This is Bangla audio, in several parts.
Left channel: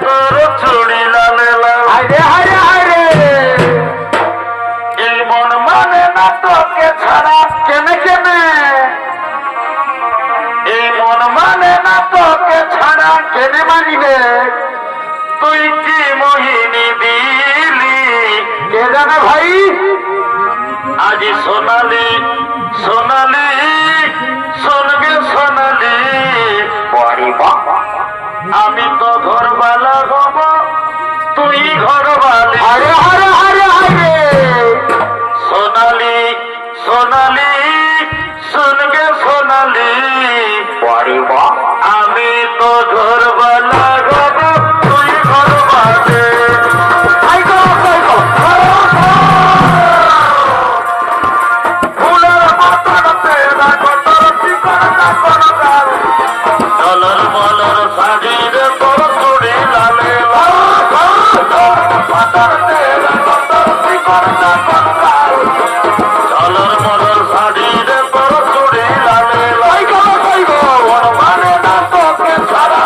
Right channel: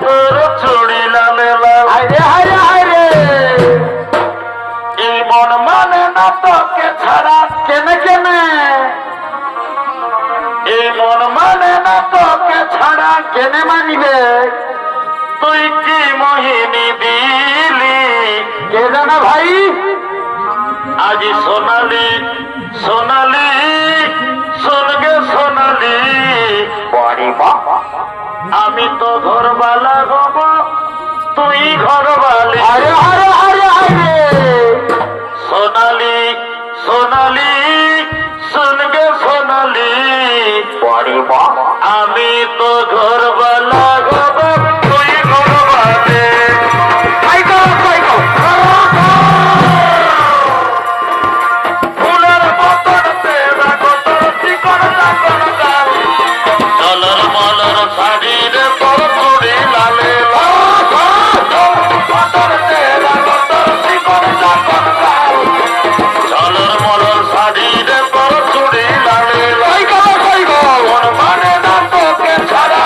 তোর চুড়ি লালে লাল। আরে আরে আরে এই মন মানে না তোকে ছাড়া। কেনে কেনে এই মন মানে না তোকে ছাড়া। কেনে মানিবে তুই কি মোহিনী দিলি কে জানে ভাই আজি সোনালি সোনালি স্বর্গে সোনালি আমি তো ঘরবালা হব তুই ঘরবালি। আরে আরে আরে আরে সোনালি সোনালি স্বর্গে সোনালি আমি তো ঘরবালা হব তুই ঘরবালি। আইগো আইগো ফুলের মতন পেরা কতর চিকন চাপন চাল। ডলার মলার শাড়ির তোর চুড়ি লালে ডলার মলার শাড়ির তোর চুড়ি লালে আইগো আইগো মন মানে না তোকে ছাড়া।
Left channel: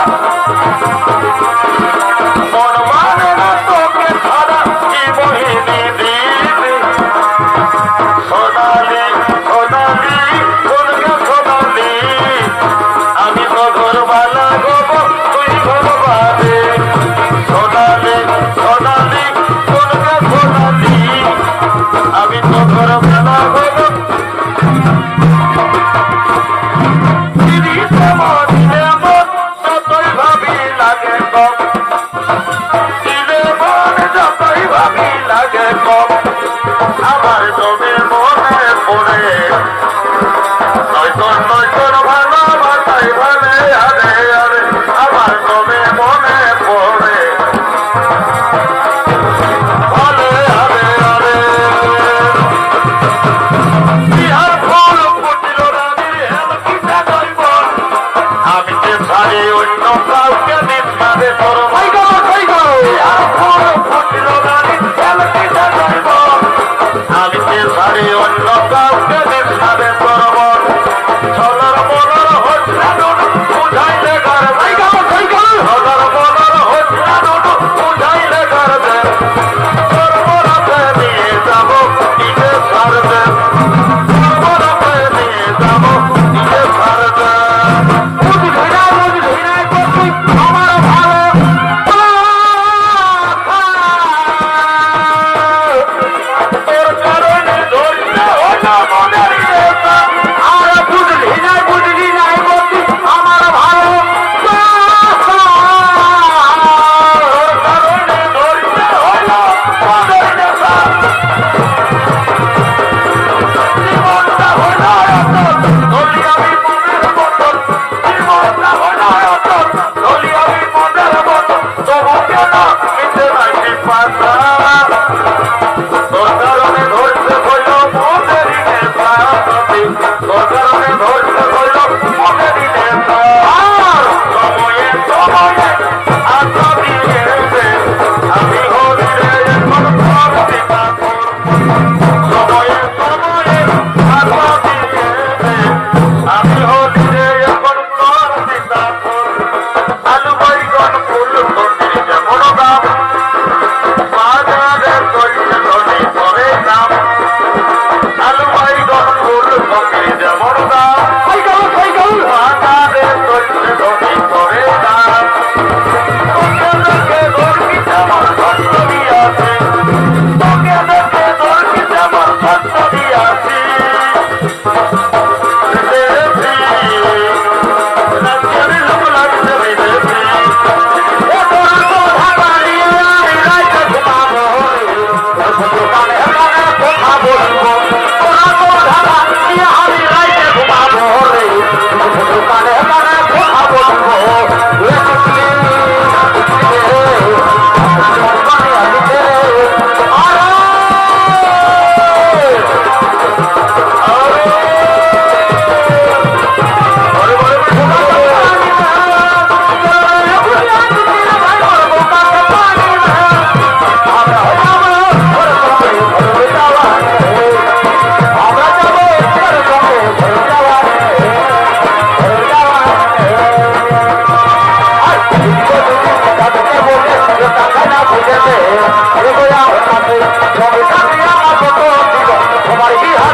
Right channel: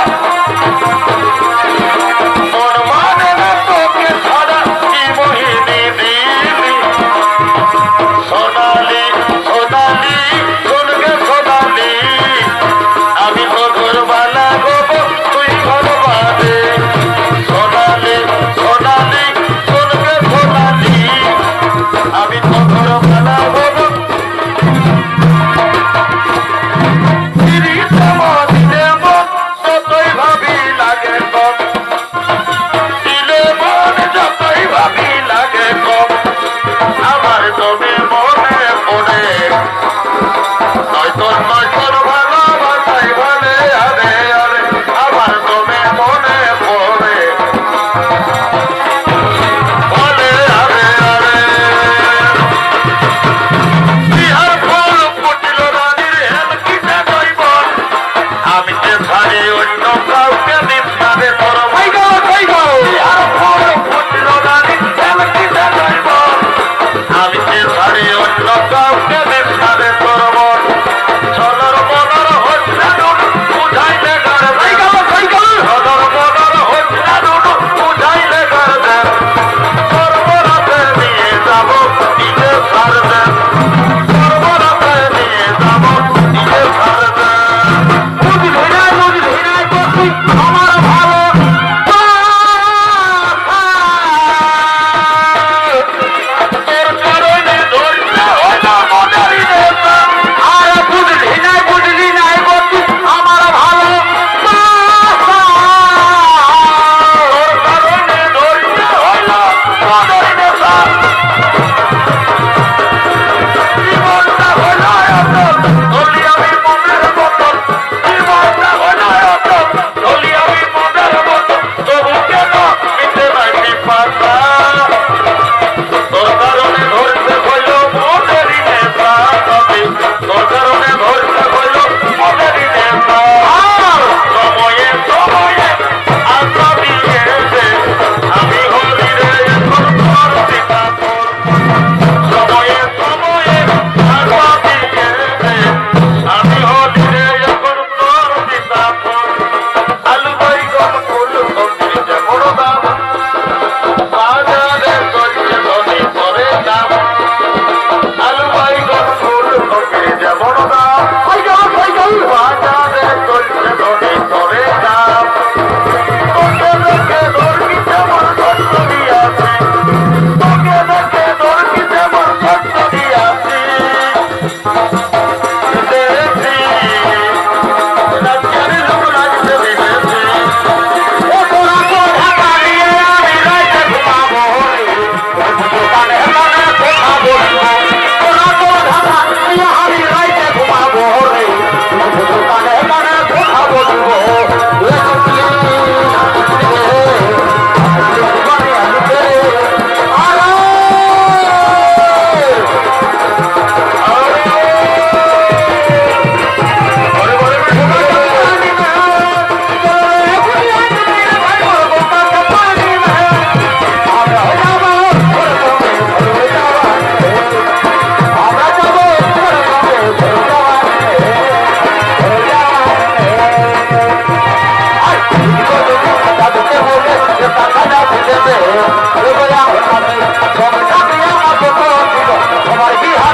আছে দেবে, রেবে আমার কাছে, সব টাকা আমার কত ছিল, তোমার বিহার